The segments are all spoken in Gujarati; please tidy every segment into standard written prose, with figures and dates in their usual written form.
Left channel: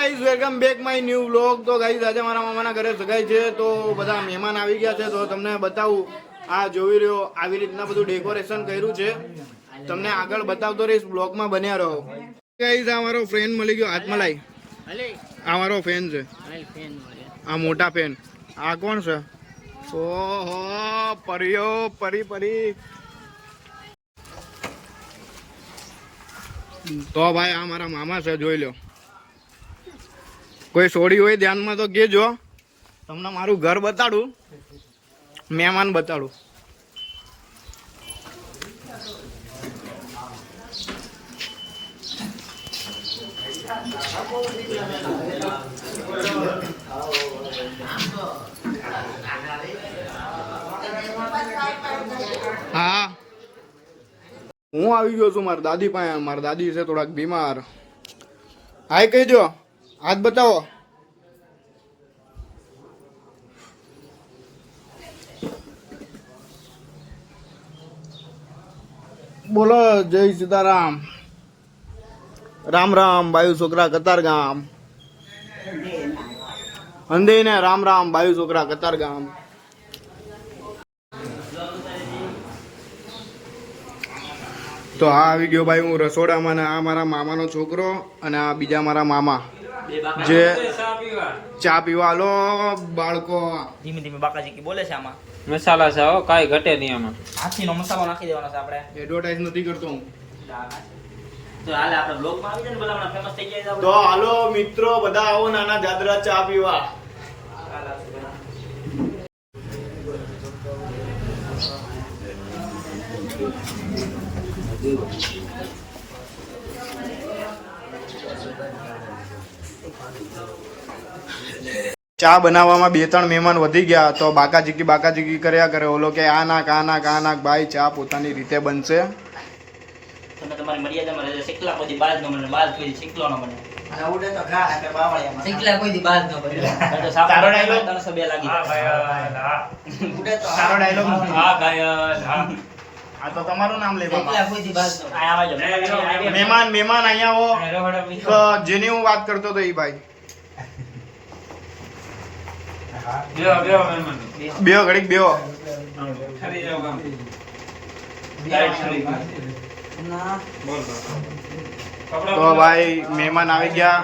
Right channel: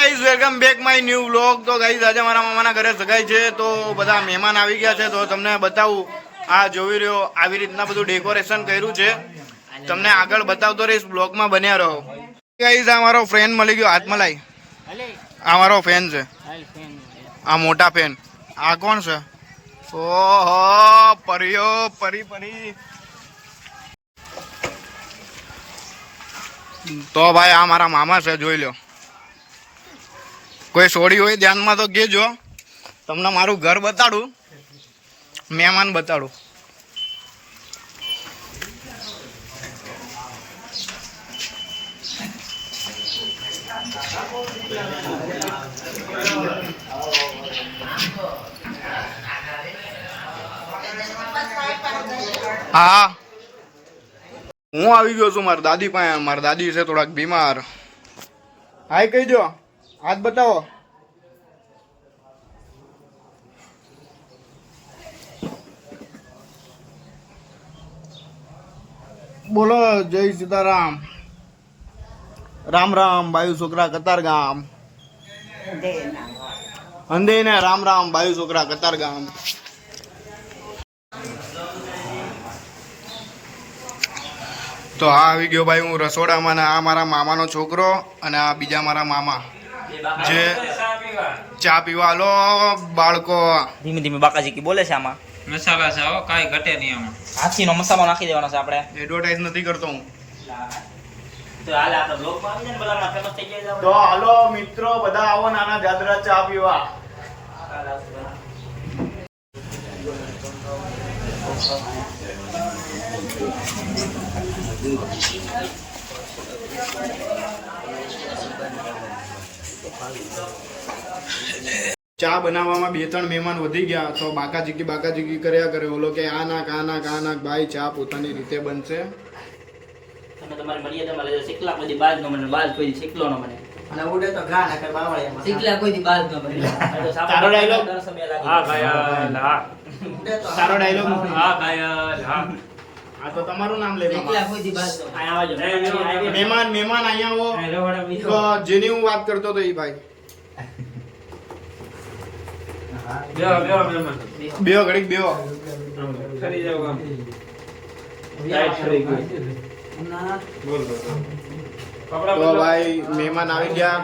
Guys welcome back my new vlog. તો ગાઈઝ આજે મારા મામાના ઘરે સગાઈ છે, તો બધા મહેમાન આવી ગયા છે. તો તમને બતાવું, આ જોઈ રહ્યો આવી રીતના બધું ડેકોરેશન કર્યું છે. તમને આગળ બતાવતો રહીશ, બ્લોગમાં બન્યા રહો. ગાઈઝ આ મારો ફ્રેન્ડ મળી ગયો, હાથમાં લાઈ. આ મારો ફેન છે, આ મોટા ફેન. આ કોણ છે? ઓહો, પરિયો પરી પરી. તો ભાઈ આ મારા મામા છે, જોઈ લો. કોઈ સોડી હોય ધ્યાનમાં તો કહેજો. તમને મારું ઘર બતાડું, મહેમાન બતાડું. હા, હું આવી ગયો છું મારા દાદી પાસે. મારા દાદી છે થોડાક બીમાર. હાય કહી દો, હાથ બતાવો. બોલો જય સીતારામ. રામ રામ બાયુ છોકરા કતાર ગામ. અંધે ને રામ રામ બાયુ છોકરા કતાર ગામ. તો આ આવી ગયો ભાઈ હું રસોડામાં. ને આ મારા મામાનો છોકરો અને આ બીજા મારા મામા જે ચા પીવા. હાલો બાળકો, ધીમે ધીમે બાકાજી કી બોલે છે. આમાં મસાલા છે, હો કાઈ ઘટે નહીં. આમાં હાથીનો મસાલો નાખી દેવાનો છે. આપણે એડવર્ટાઇઝ નથી કરતો હું. તો હાલે આપણે બ્લોગમાં આવી જાય ને, બધા આપણા ફેમસ થઈ જાય. તો હાલો મિત્રો, બધા આવો નાના જાદરા ચા પીવા. ચા બનાવવામાં 2-3 મહેમાન વધી ગયા, તો બાકાચીકી કર્યા કરે. ઓલો કે આ નાક આ નાક આ નાક. ભાઈ ચા પોતાની રીતે બનશે. તમારે મર્યાદામાં રહેજો. શીખલા કોઈ દી બાજ ન બને, બાજ કોઈ દી શીખલો ન બને. અને ઉડે તો ઘા ના કર બાવળિયામાં. શીખલા કોઈ દી બાજ ન બને. તારો ડાયલોગ 302 લાગી. હા ઘાયલ, હા ઉડે તો તારો ડાયલોગ. હા ઘાયલ, હા. આ તો તમારું નામ લે મામા. શીખલા કોઈ દી બાજ ન બને. આયા આવજો. મહેમાન અહીંયા હો. તો જેની હું વાત કરતો તો એ ભાઈ બેહો ઘડીક બેહો. તો ભાઈ મહેમાન આવી ગયા,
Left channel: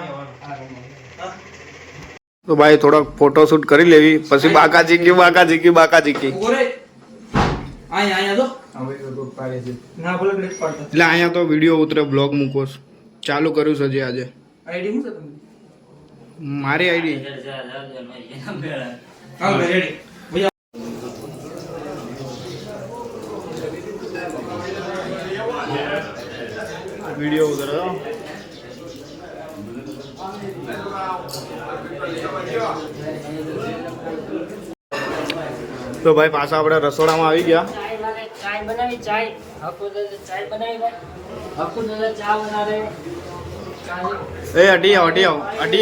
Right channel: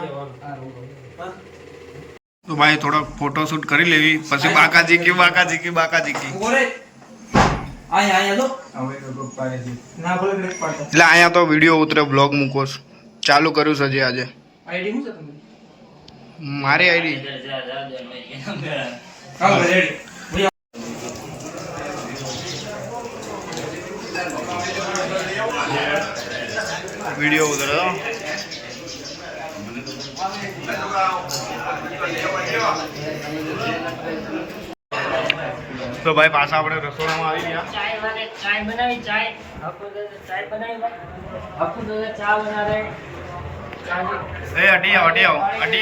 તો ભાઈ થોડોક ફોટોશૂટ કરી લેવી, પછી બાકાચીકી એટલે અહીંયા તો વિડીયો ઉતરે, બ્લોગ મૂકો. ચાલુ કર્યું છે આજે. મારી આઈડી વિડીયો ઉતરે તો ભાઈ પાછા આપણે રસોડામાં આવી ગયા. એ અટી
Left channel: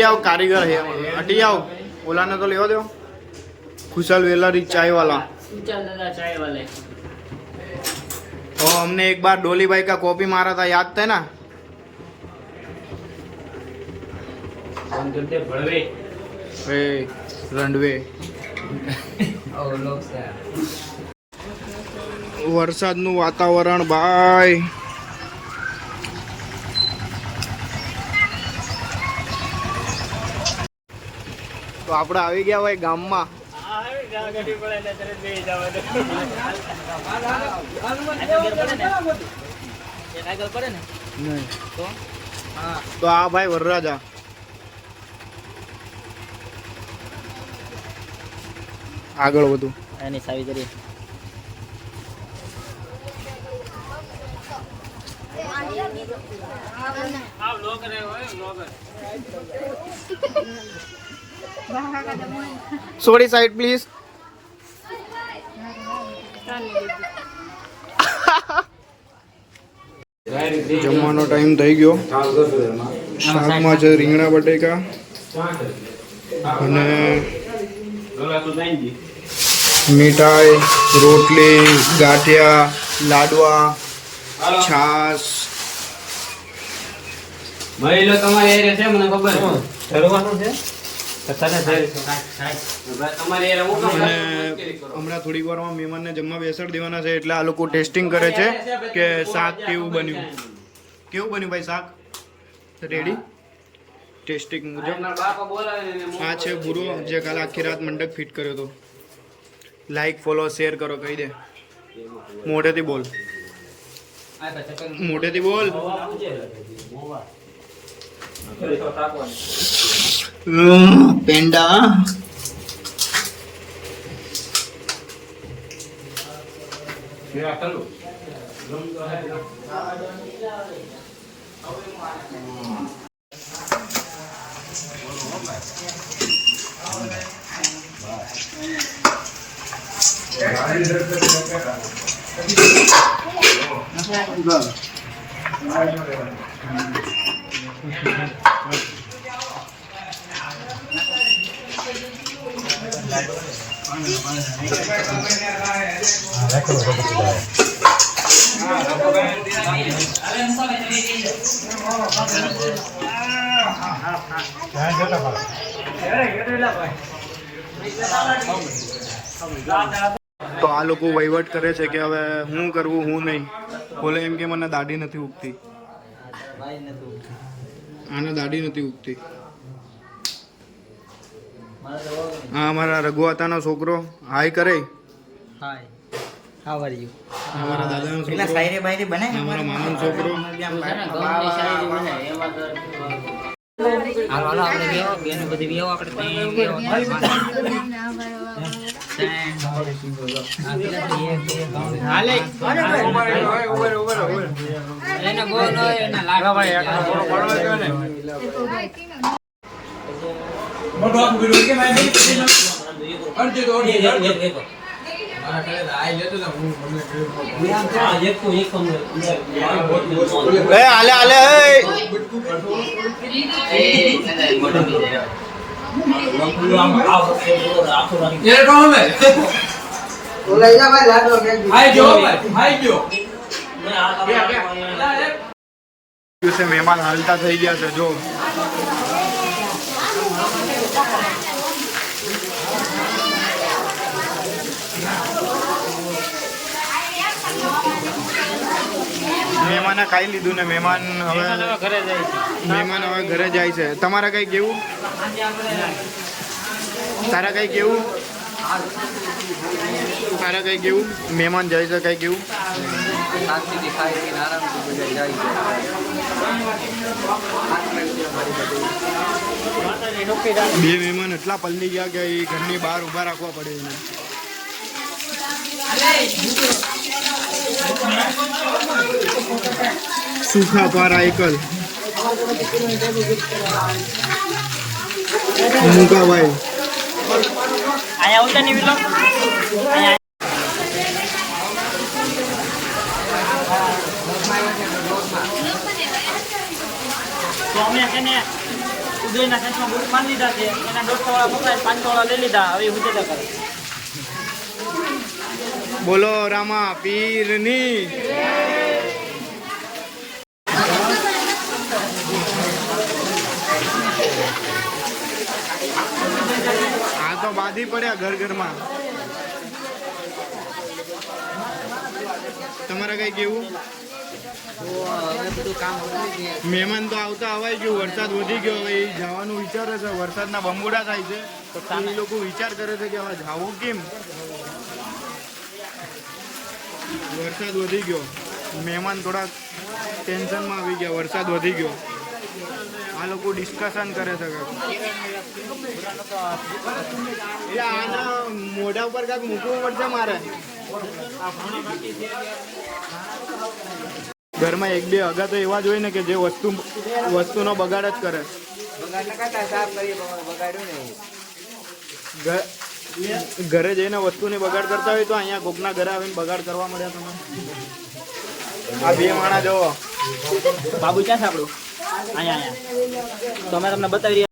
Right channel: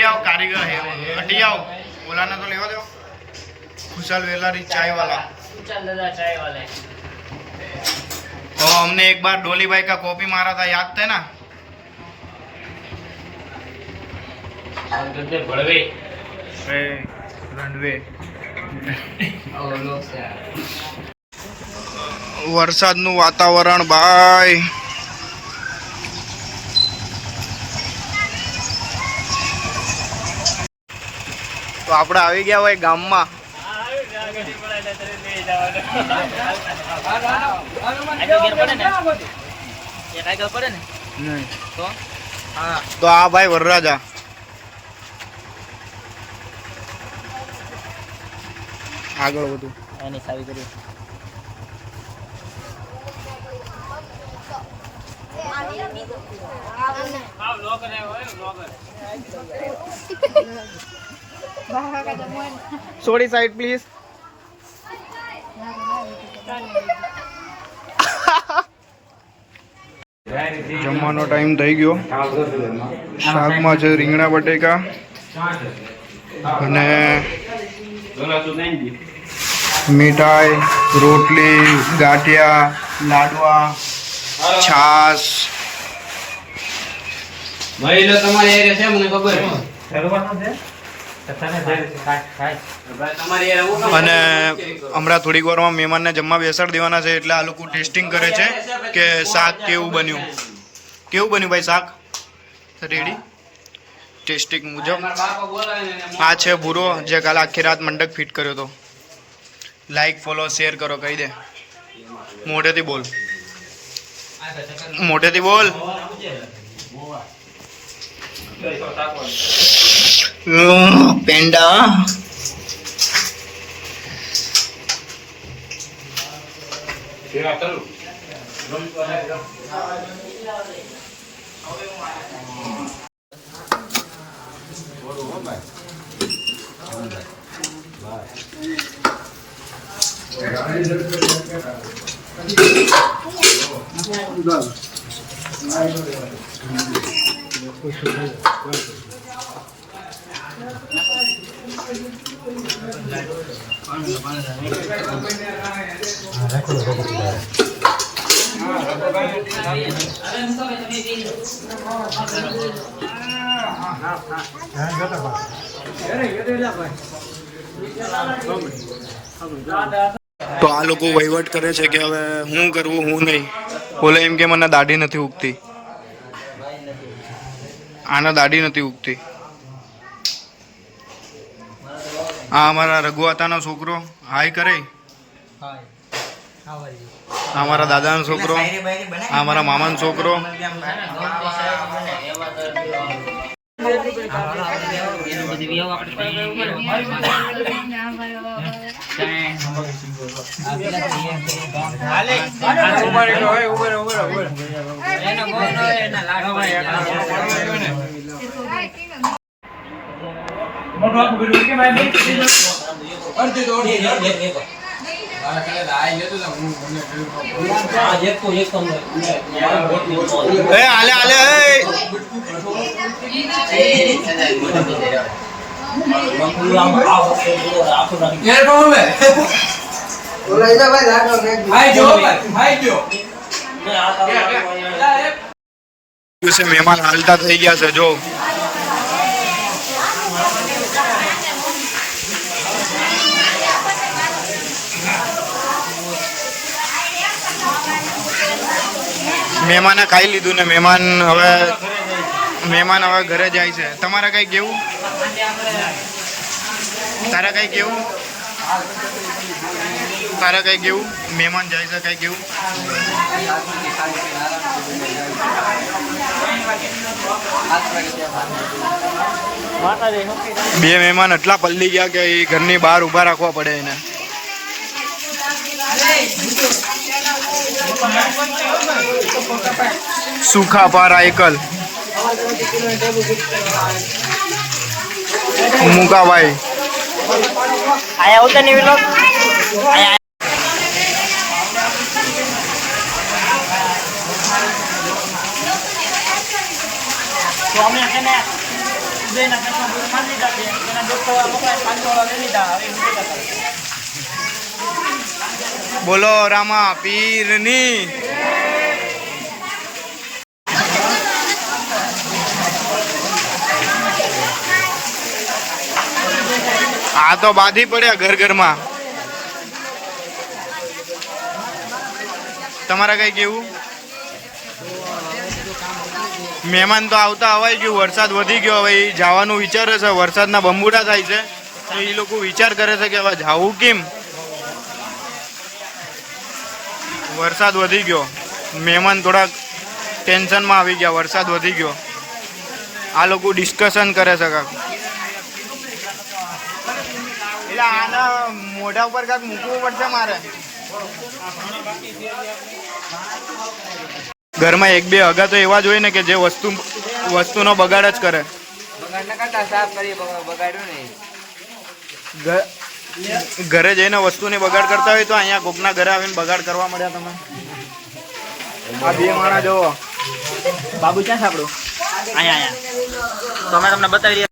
આવ કારીગર હે. અટી આવ, ઓલાને તો લેવા દો. खुशल वेलारी चाय वाला. और हमने एक बार डोली भाई का कॉपी मारा था, याद थे ना? रंडवे વરસાદનું વાતાવરણ ભાઈ. તો આપણે આવી ગયા ભાઈ ગામમાં. તો આ ભાઈ વરરાજા. આગળ વધુ એની સાવી કરી. Sorry side please. જમવાનો ટાઈમ થઈ ગયો. શાકમાં છે રીંગણા બટેકા અને મીઠાઈ, રોટલી, ગાંઠિયા, લાડવા, છાશ. મહિલો તમારે એ છે, મને ખબર. અને હમણાં થોડીક વારમાં મહેમાનને જમવા બેસાડી દેવાના છે, એટલે આ લોકો ટેસ્ટિંગ કરે છે કે શાક કેવું બન્યું ભાઈ? શાક રેડી? ટેસ્ટિંગ મુજબ આ છે ભૂરો, જે કાલે આખી રાત મંડક ફિટ કર્યો હતો. લાઈક ફોલો શેર કરો, કહી દે મોઢેથી બોલ. પેંડા તો આ લોકો વહીવટ કરે છે કે હવે હું કરવું હું નહીં. બોલે એમ કે મને દાઢી નથી ઉગતી, આના દાઢી નથી ઉગતી. આ અમારા રઘુઆતાનો છોકરો હાય કરે, આ મારા દાદાનો છોકરો, આ મારા મામાનો છોકરો. મહેમાન હાલતા થઈ ગયા છે. જો મહેમાને ખાઈ લીધું ને મહેમાન હવે ઘરે જાય છે. તમારે કઈ કેવું? તારા કઈ કેવું? મહેમાન જાય છે, કઈ કેવું? બે મહેમાન એટલા પલ્લી ગયા કે એ ઘરની બહાર ઊભા રાખવા પડે એને. સુખા પારા એકલ મુકાભાઈ. બોલો રામા પીરની. આ તો બાધી પડ્યા ઘરમાં. તમારા કઈ કેવું? મહેમાન તો આવતા હવાઈ ગયું, વરસાદ વધી ગયો, હવે એ જવાનું વિચારે છે. વરસાદના બંબુડા થાય છે તો એ લોકો વિચાર કરે છે કે હવે જવું કેમ. વરસાદ વધી ગયો, મહેમાન થોડાક ટેન્શનમાં આવી ગયા. વરસાદ વધી ગયો, આ લોકો ડિસ્કશન કરે છે કાંક. એટલે આના મોઢા ઉપર કાંક મૂકવું પડશે મારે. ઘરમાં એક બે હગા તો એવા જ હોય ને કે જે વસ્તુનો બગાડ જ કરે. ઘરે જઈને વસ્તુની બગાડ કરતા હોય તો અહીંયા કોકના ઘરે આવીને બગાડ કરવા મળ્યા તમે. આ બે માણા જોવો. બાબુ ક્યાં છે આપણું? અહીંયા તો અમે તમને બતાવી રહ્યા.